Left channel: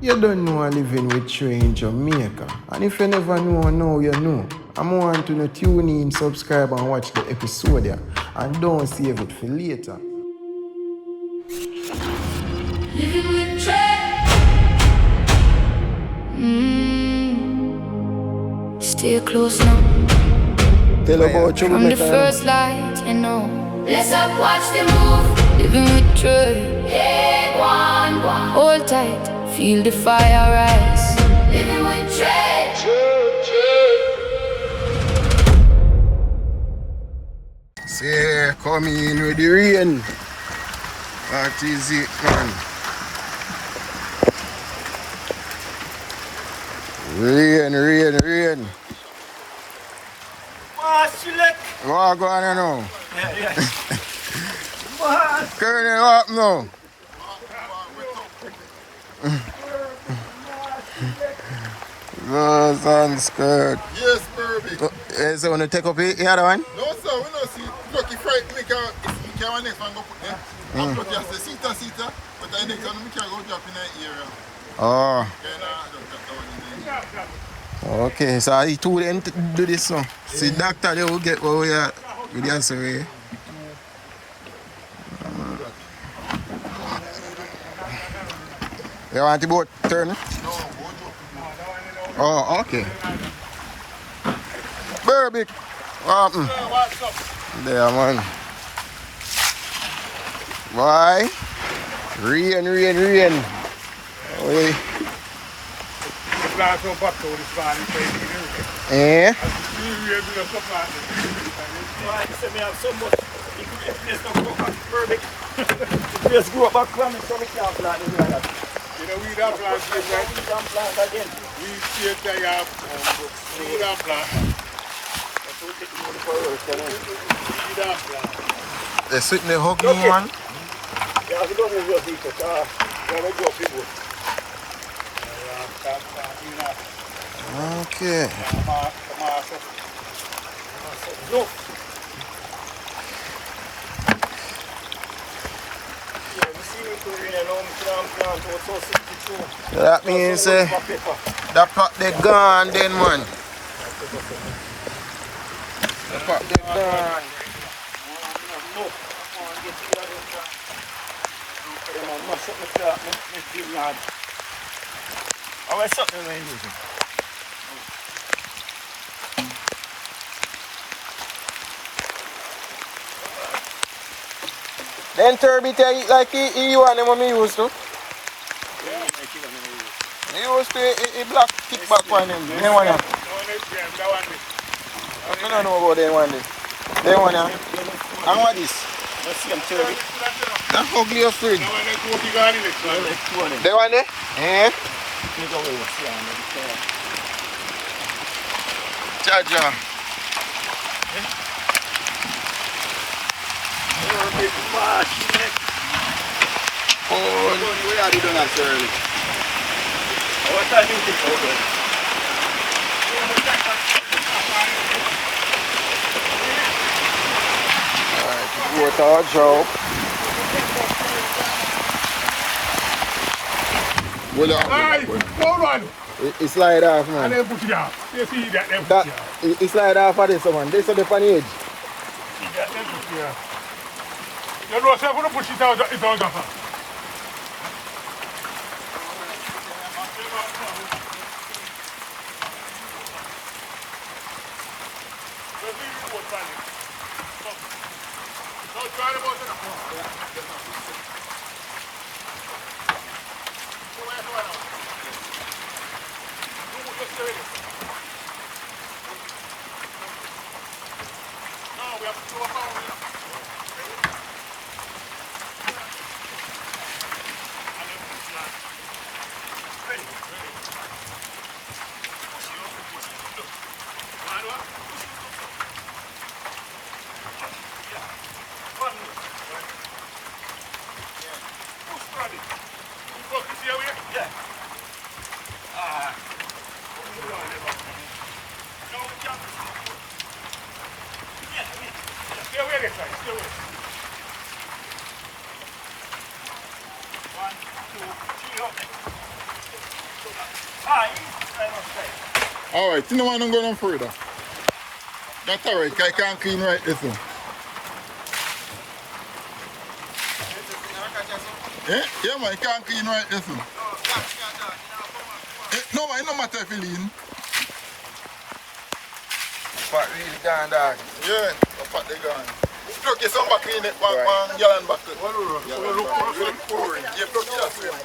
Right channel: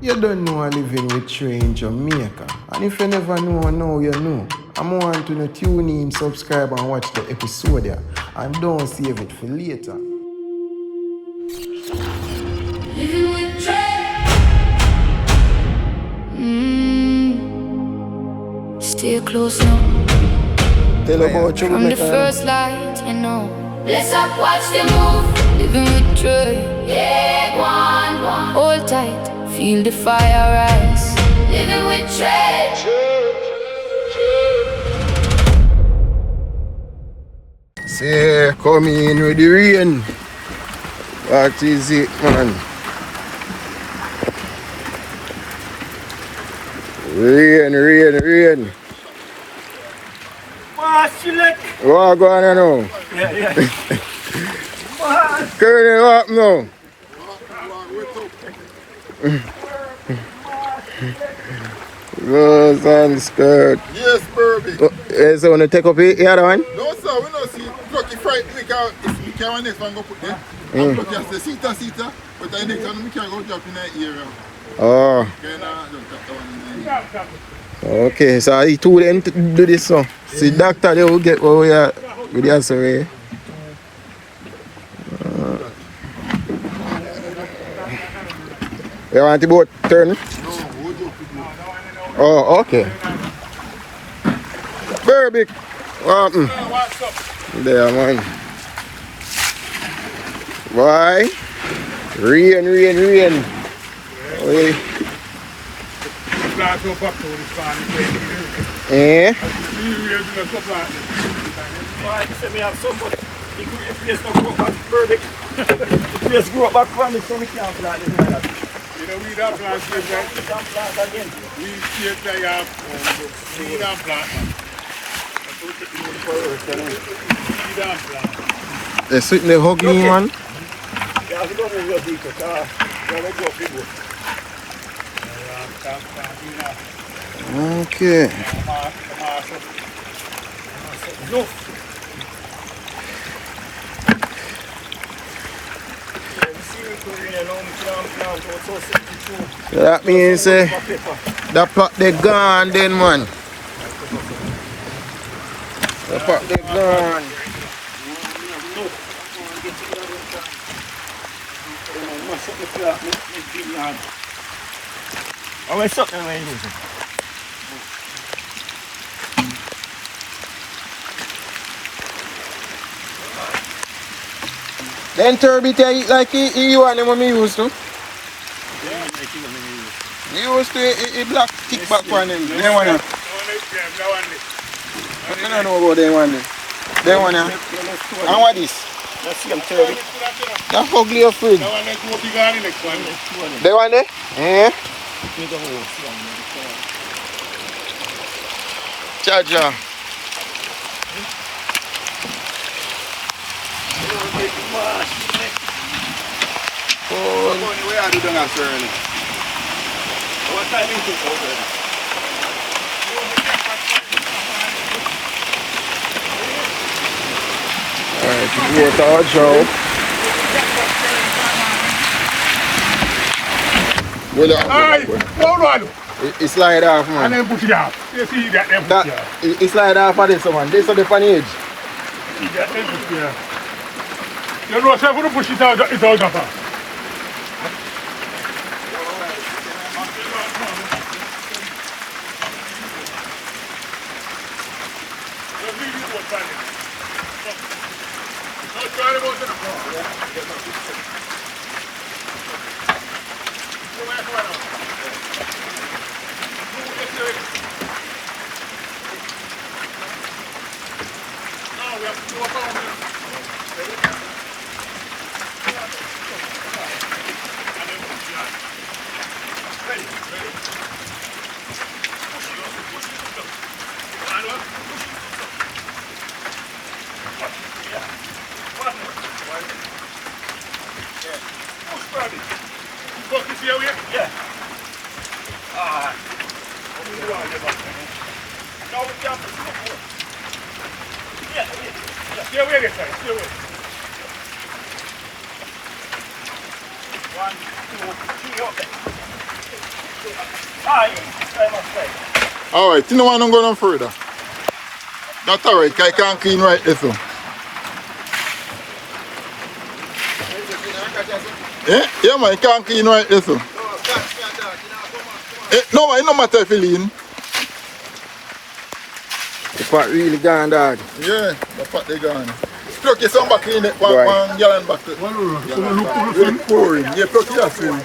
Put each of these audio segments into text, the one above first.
You don't know I'm living with Trey in Jamaica. And if you never know, now you know. I'm want to tune in, subscribe and watch the episode here. And don't save it for later. Living with Trey. Stay close now. Tell about you. From the first light, you know. Let's up, watch the move. Living with Trey. Yeah, one. Hold tight, feel the fire rise. Living with Trey. See, come in with the rain. What is it, man? Rain. What going on now? Yeah. Curly, what now? Rose and skirt. Yes, Burby. So want to take up the other one? No, sir, we don't see lucky fright. We can't next one go put there. I put just the seater, but I next one we can't go drop in that area. Oh. Can don't drop the one in there. Okay, so I told them to do this now. See, doctor, they will get what we are with the answer. You want the boat turn? No, we'll drop the boat. Oh, okay. Very big. What happened? There, man. Why? Rain. Oh. Eh? Just go back on the sun camp like this. You know, we don't plant again. We still take out. We don't plant. They sitting there hug me, man. Yeah, we don't move your vehicle. We don't go people. Okay. So that means that pot they gone then, man. The pot they gone. Oh, it's something I use. Then turbid eat like you and them when me used to. You used to eat black kickback from them. They want to. I don't know about them one. They want to. And what is? Let's see them turbid. That's ugly afraid. They want it? Yeah. Charger. Where are you done at early? What time do you think over? Alright, water out show. Hold on. It slide off, man. And then push it off. You see that then push it off. It slide off of this one. This on the funny edge. See that then push it off. You know, so I'm going to push it out, it's out of her. Yeah. Stay away this side, stay away. 1, 2, 3 up there. Alright, you don't want to go no further. That's alright, I can't clean right there. So. Yeah, man, you can't clean right there. So. No, it no matter if you lean. The pot really gone, dog. Yeah, the pot they gone. Pluck your some back in it, one gallon back. Look pouring. Yeah, pluck your swim.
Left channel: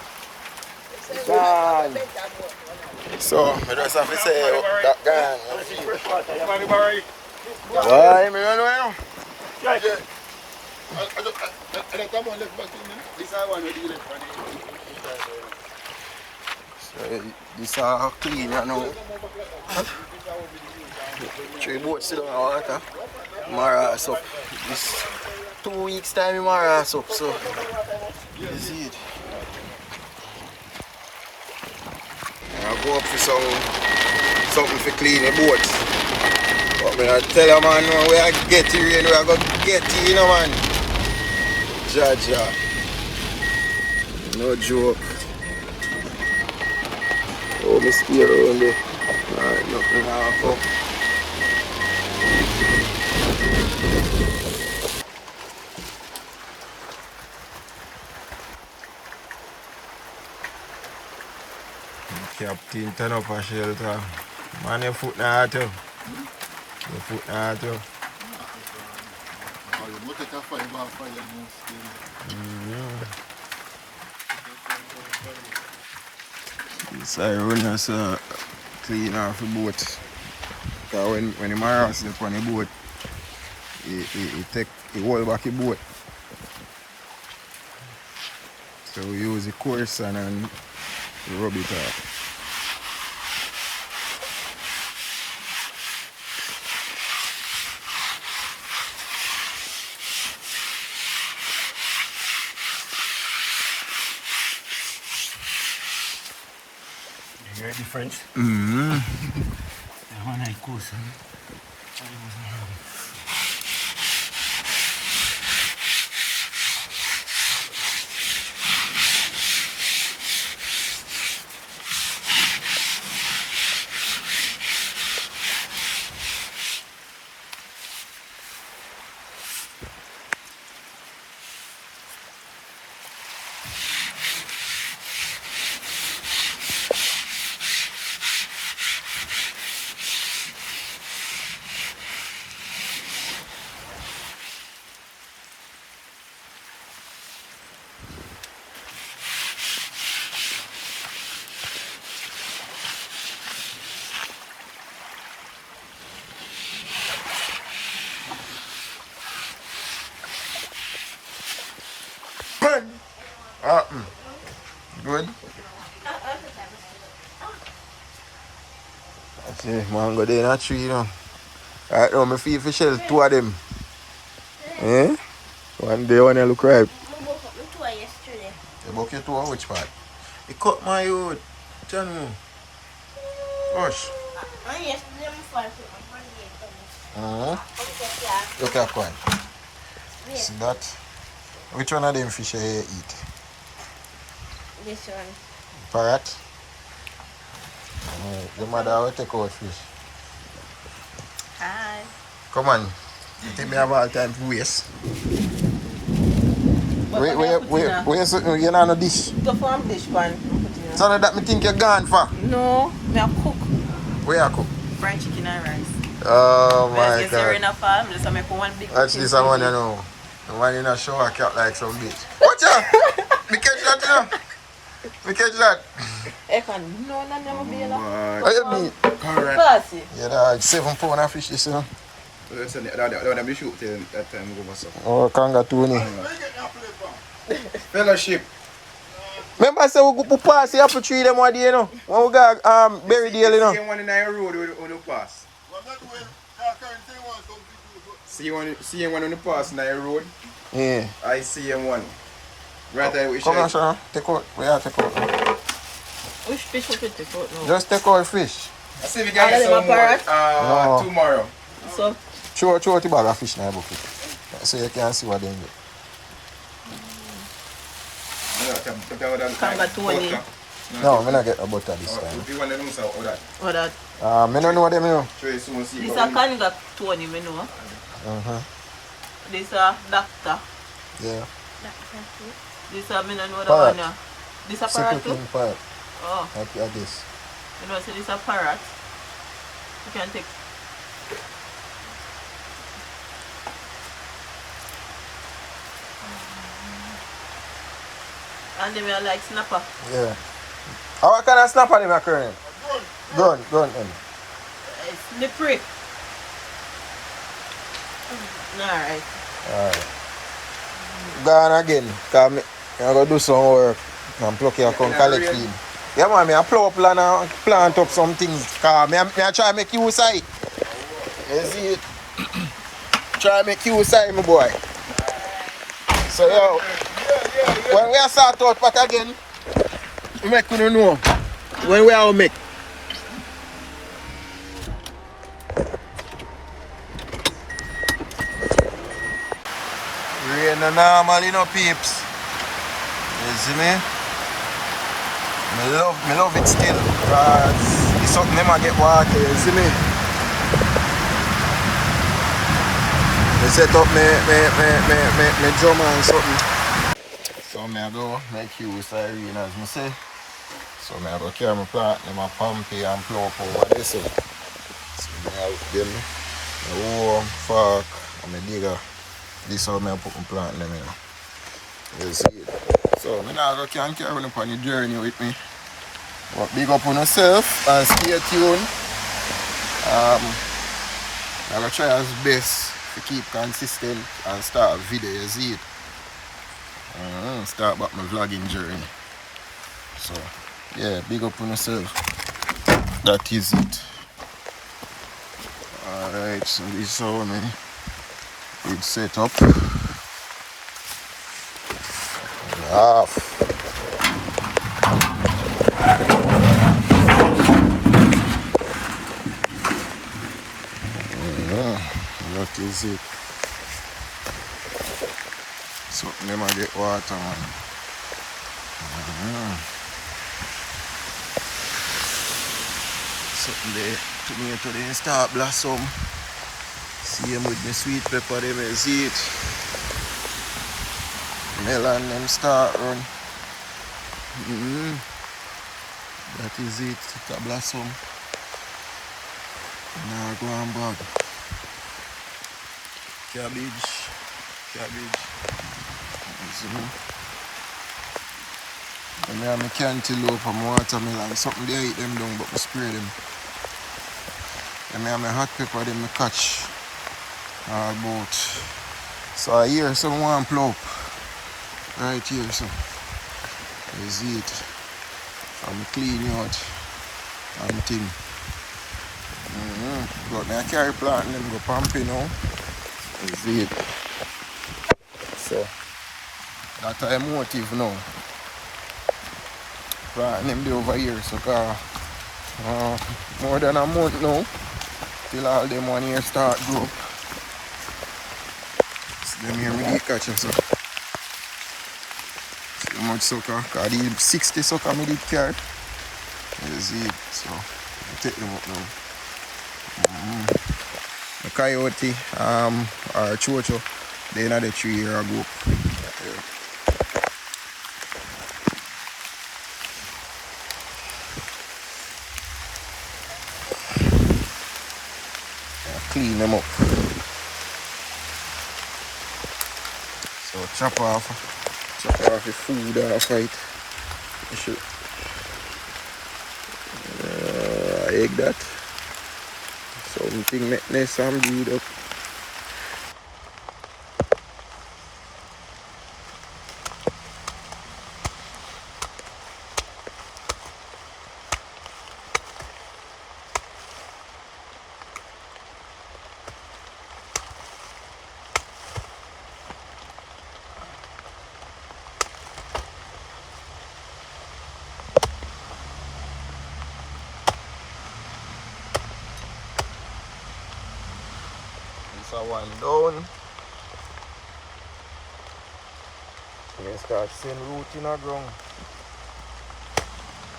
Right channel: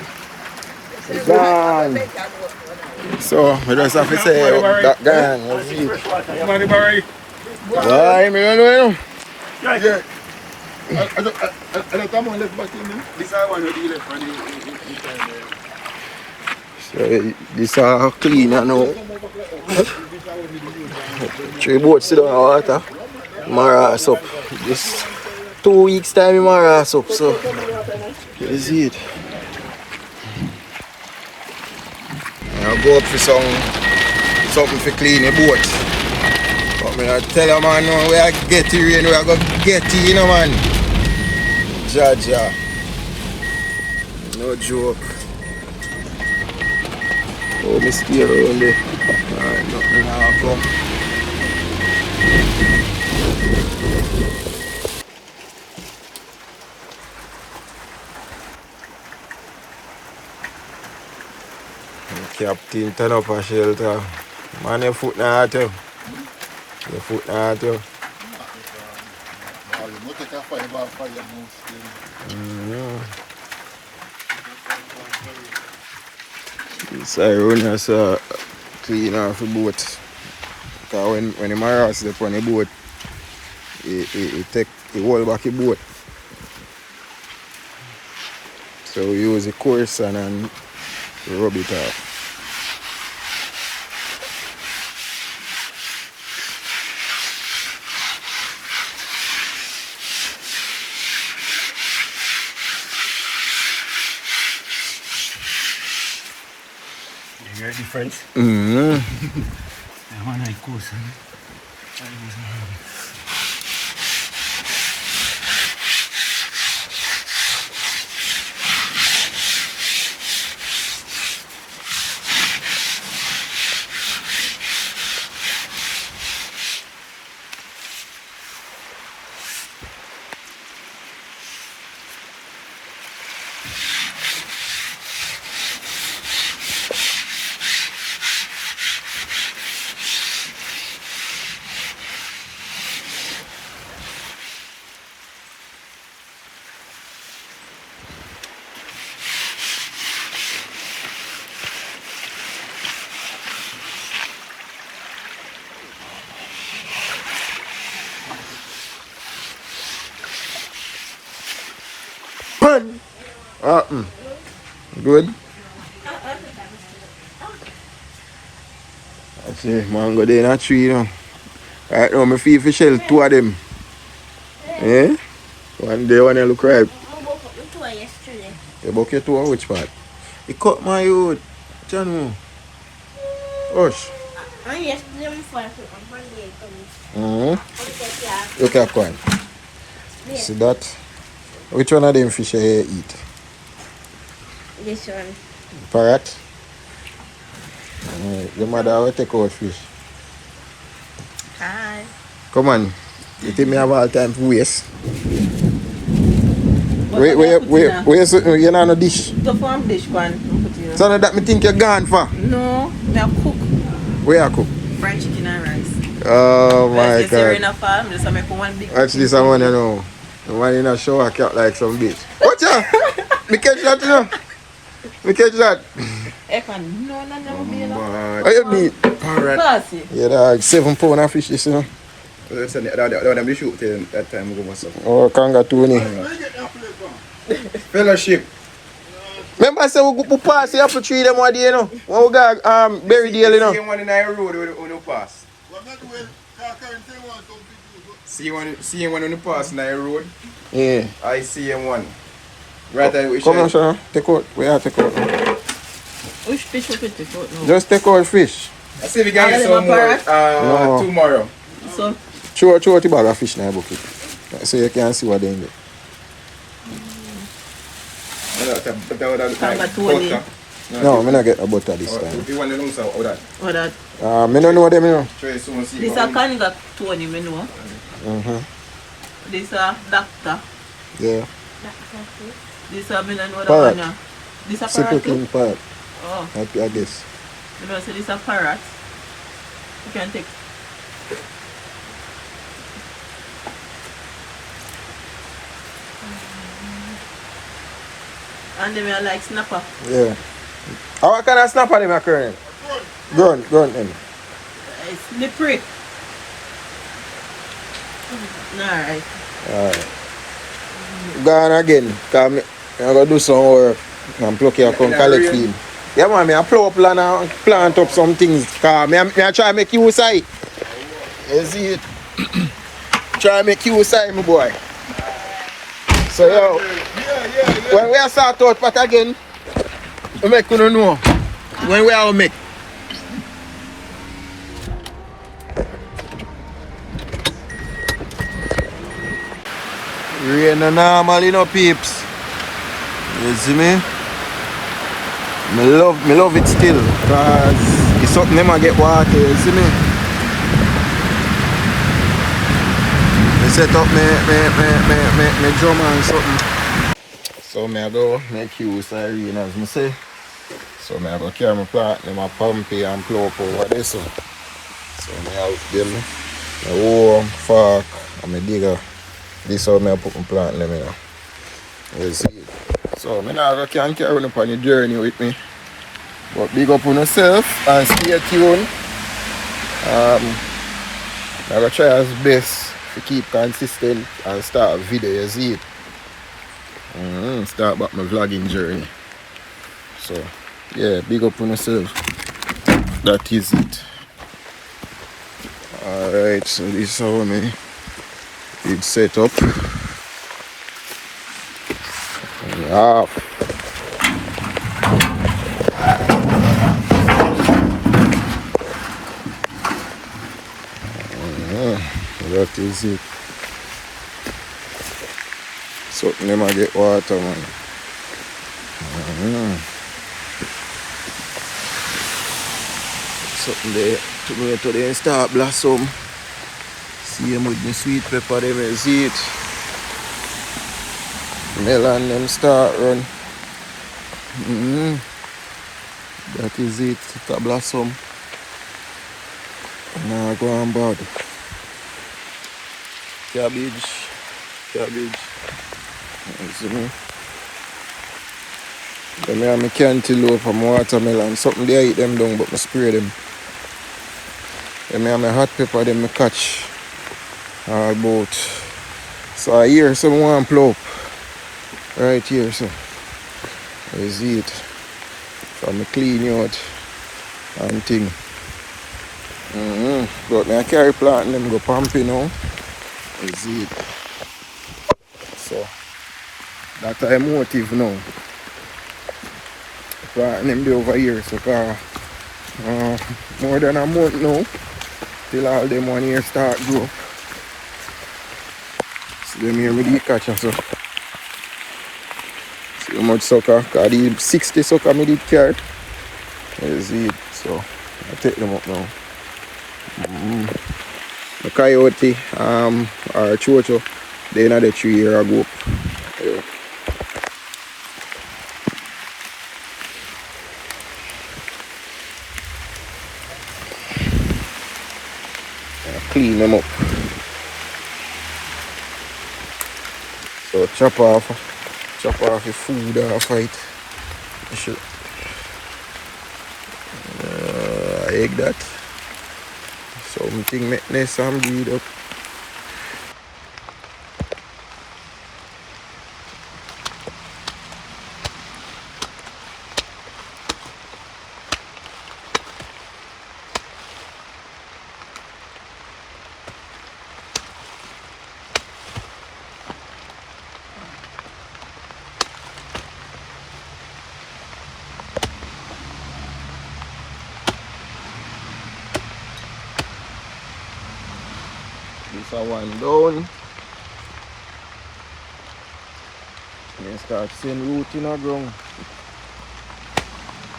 It's gone. So, I just have to say, that gone. That's it. Why, me don't know. Yeah. I don't have one left back in there. This is one you left for the So, this are cleaner now. 3 boats sit down in the water. Maras up. This 2 weeks time, maras up. So, you see it. I'll go up for something for clean the boat. But I tell them, man, no, we are get it rain, we are going to get it, you know, man. Jaja. No joke. Oh, this is terrible. Go. Captain, turn up a shelter. Man, your foot not out. Your foot not out. This Ironas clean off the boat. Because when the maras is on the boat, he hold back the boat. So we use the coarse and rub it off. You hear the difference? Mm-hmm. Yeah, man, I course. Good. That's it, man. Go there in a tree now. Right now, I feel for shell 2 of them. Eh? One day, one look right. You book your 2 on which part? You cut my youth. John. Hush. Look at one. See that? Which one of them fish you eat? This one. Parrot? The mother will take out fish. Hi. Come on. You think me have all time for waste? Where you not no dish? The farm dish one. So now that me think you're gone for? No, me have cook. Where you cook? Fried chicken and rice. Oh my God. In a farm, just make one big. Watch this, I want to know. The man in a shower cat like some bitch. Watch out! Me catch that, you know? Me catch that. No. How you beat? Classy. Yeah, dog. 7 pound of fish, this, you know? That one shoot that time we go myself. Oh, kangatoo. Fellowship. Remember I said we go pass the apple tree them one day, you know? When we got Berry Dale, you know? Same one in our road when you pass. See one on the pass in our road. Yeah. I see one. Right away. Come on, sir. Take out. We have to take out. Which fish you take out now? Just take out fish. I see we can get some more tomorrow. So? Throw out the bag of fish in the bucket. So you can see what they in there. No, I'm not get a butter this time. You want to know so how that? What that? I don't know them, you know. Try some see. This a can got Tony, me know. This a doctor. Yeah. This a me no know Parrot. that one. This a Simple parrot too? king parrot. Oh, I guess. you know, so this a parrot. You can take. And then I like snapper. Yeah. How can I snap on him, current? Grunt him. It's slippery. Alright. Alright. Gone again. Come, I'm going to do some work. I'm plucking a collect him. Yeah, man, I plow up land and plant up some things. Because I try to make use of it. You see it? Try to make use of it, my boy. So, yo, when we start out part again, we make you know when we are make. Rain no normal, you know, peeps. You see me? Me love it still, cause it's something never get water, you see me? I set up me drum and something. So I go make use of rain as I say. So I go carry my plant, my pump and plow up over this. So I help them. My warm, fork, and my digger. This is how I put my plant in them, you know. You see it. So I now can carry on upon the journey with me. But big up on yourself and stay tuned. I'm going to try as best to keep consistent and start a video, you see it. Start back my vlogging journey. So yeah, big up on yourself. That is it. Alright, so this is how it's set up. Half. That is it. Something them a get water, man. Something there. Tomato they start blossom. Same with the sweet pepper them, you see it. Melon them start run. That is it. It's a blossom. Now go on board. Cabbage. You see me? Then I have my cantaloupe and my watermelon. Something they eat them down, but I spray them. Then I have my hot pepper, them I catch all boat. So I hear someone plow up. Right here, so. You see it. So I clean out and thing. But I carry plant and them go pumping now. You see it. So that's a motive now. Plant them there over here, so more than a month now till all them one here start grow. So them here me did catch so. Too much sucker, cause the 60 sucker me did carry. You see it, so I take them up now. The coyote or chocho, they in the tree here I go up. Yeah. Clean them up. So chop off the food off it. Egg that. Something make nice and good up. This a one down. And then start seeing root in the ground.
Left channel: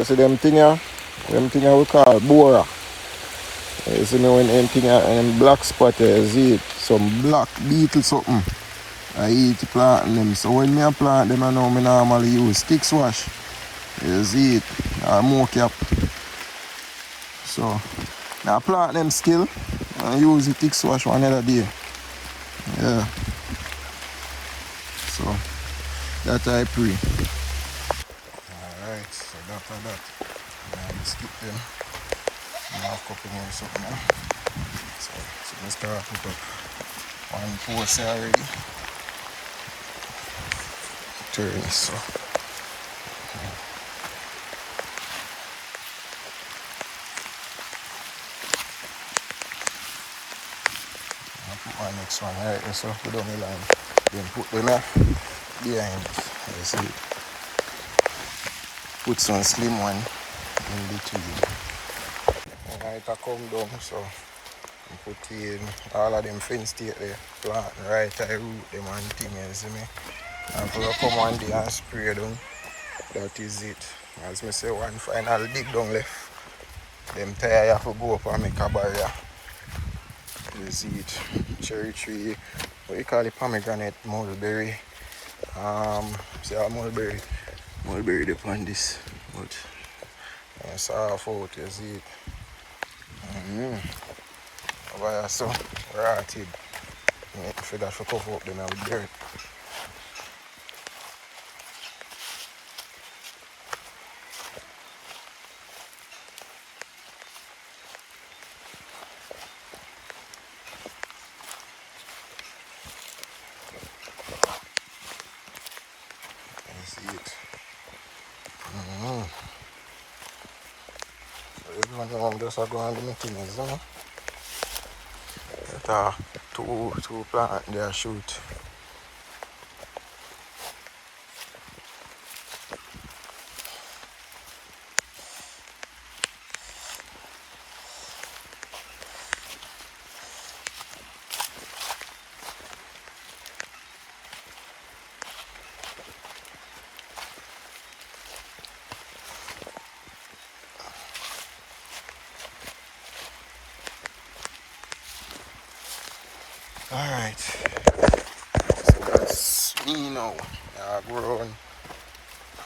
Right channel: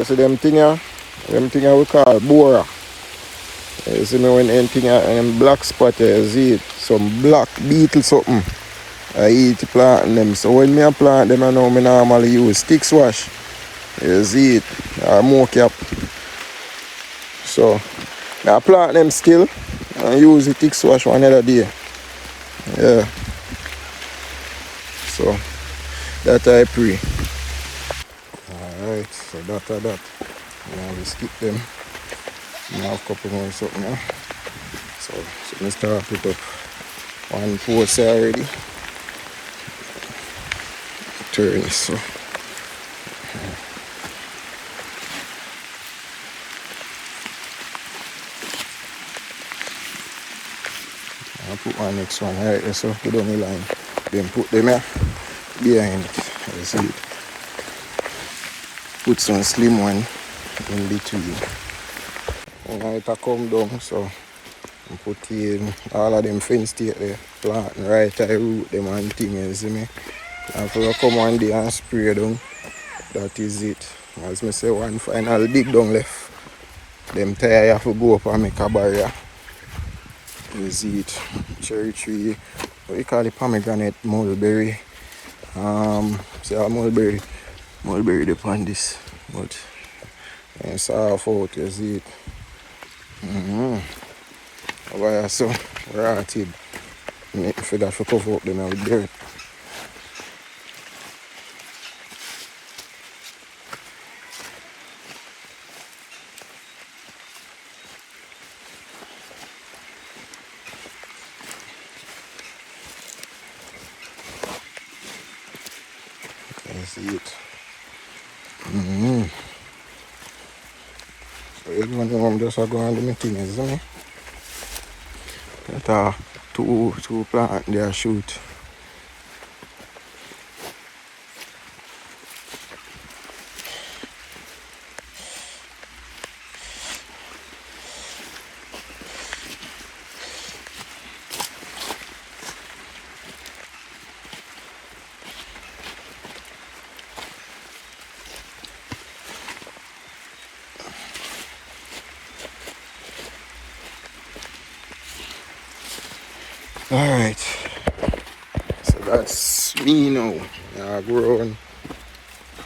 see them thing we call bora. You see me when anything black spot you see it. Some black beetle something. I eat plant them. So when I plant them I know I normally use stick swash. You see it. Or more cap. So I plant them still and use the stick swash one other day. Yeah. So that I pray. Alright, so that. Now we skip them. Now a couple more something now. So I start put up one post already. Turn this so. I'll put my next one right there, so put on the line. Then put them here behind it. You see it. Put some slim one in between. And now it come down, so I put in all of them fence stake there. Plant right I root them and things, you see me. And for come one day and spray down. That is it. As I say, one final dig down left. Them tire have to go up and make a barrier. You see it. Cherry tree. What you call it? Pomegranate, mulberry. See how mulberry upon this. But it's half out, you see it. Over here, so rotted. Make for that to cover up them with dirt. You see it. So everyone know I'm just going to do my thing, isn't it? That are two plant there shoot. Alright, so that's me now. I go around.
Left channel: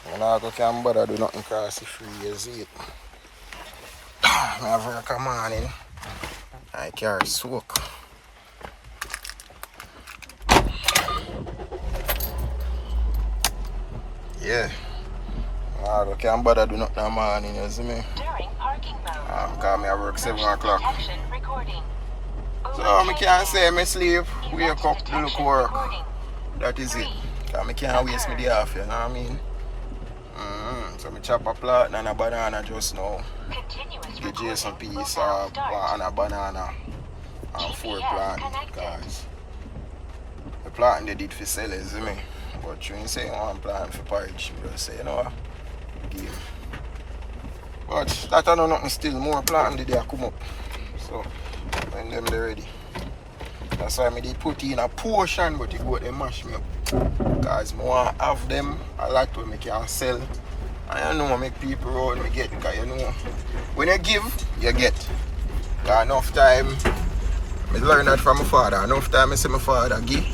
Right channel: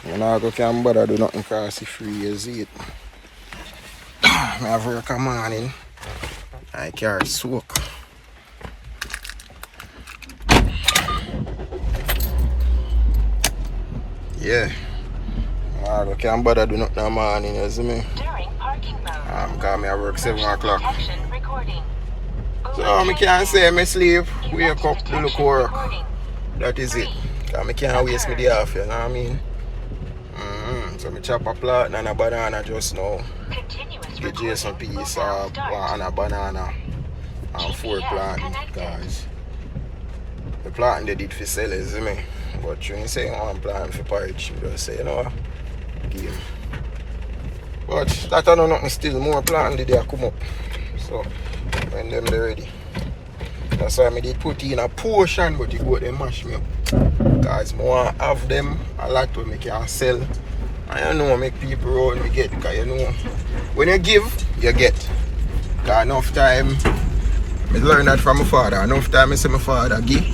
When I go can't bother do nothing cause it's free, you see it. I have work a morning. I carry soak. Yeah. I go can't bother do nothing in the morning, you see me. Cause I work 7 o'clock. So I can't say I sleep, wake up, do look work. That is it. Cause I can't waste my day off, you know what I mean? So I chop a plant and a banana just now. Give Jason piece of and a banana and 4 plants, guys. The plant they did for sell, you see me? But you ain't say one plant for porridge, you just say, you know what? Give. But that I know nothing still, more plant did they come up. So when them they ready. That's why I did put in a portion, but you go they mash me up. Because I want to have them a lot to make you sell. And you know make people roll me get, because you know when you give, you get. Because enough time I learned that from my father. Enough time I see my father give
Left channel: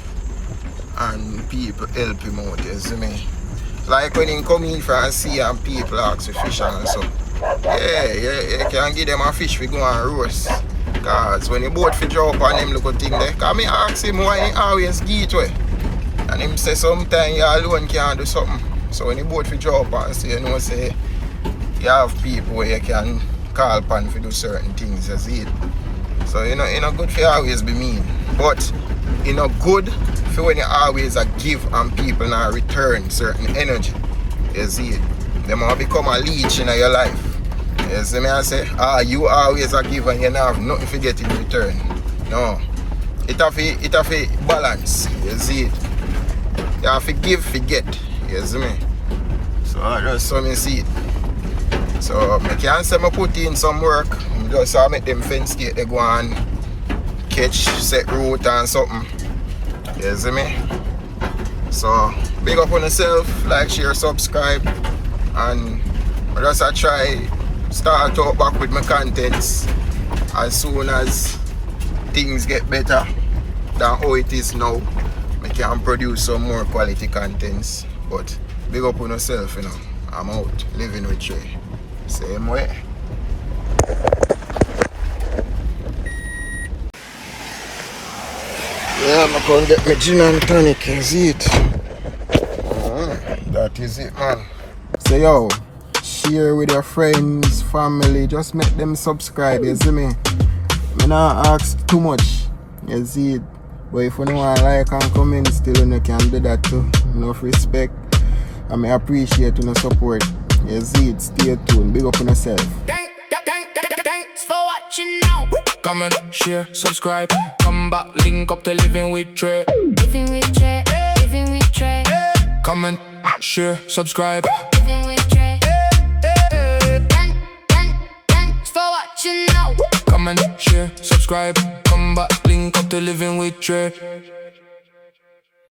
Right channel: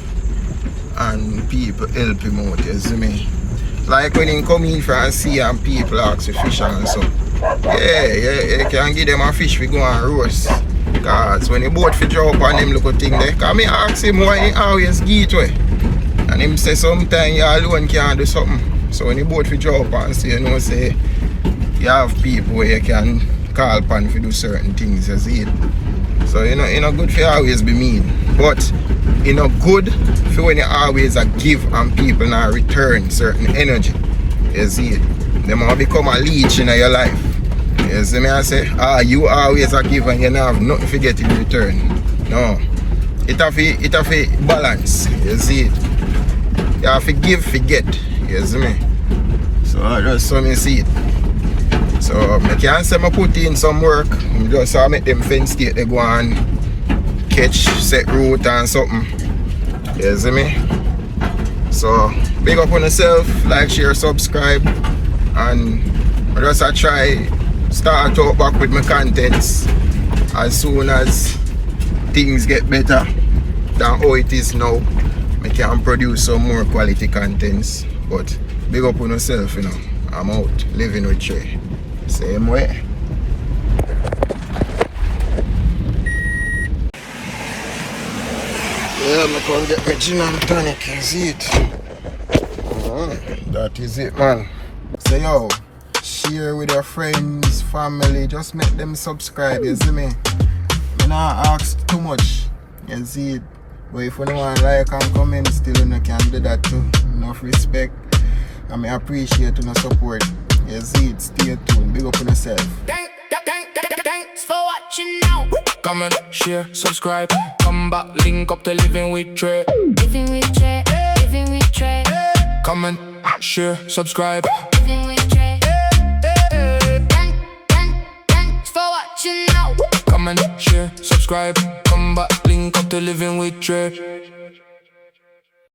and people help him out, you see me. Like when he come in for and see and people ask for fish and so. Yeah, you can give them a fish we go and roast. Because when the boat fi drop on them little thing there, because I ask him why he always give it away. And him say sometimes you alone can't do something. So when the boat fi drop on, so you know say you have people where you can call upon to do certain things, you see it. So you know good for always be mean. But you know good for when you always give and people now return certain energy. You see it. They might become a leech in your life. You see me I say, you always a give and you don't have nothing to get in return. No. It have a balance. You see it. You have to give, forget. You see me? So that's how I see it. So I can't say I put in some work. I just make them fence stake they go and catch, set route and something. You see me? So big up on yourself, like, share, subscribe, and I just I try start out back with my contents as soon as things get better than how it is now. I can produce some more quality contents. But big up on yourself, you know. I'm out living with Trey. Same way. Yeah, I'm gonna get the gin and tonic, you see it? That is it, man. So yo, share with your friends, family, just make them subscribe, you see me? I not ask too much, you see it? But if you don't want to like and comment, still you can do that too. Enough respect. I may appreciate your support. You see it, stay tuned, big up on yourself. Thanks for watching now. Comment, share, subscribe. Come back, link up to Living with Trey. Living with Trey, living with Trey. Comment, share, subscribe. Living with Trey. Thanks for watching now. Comment, share, subscribe. Come back, link up to Living with Trey.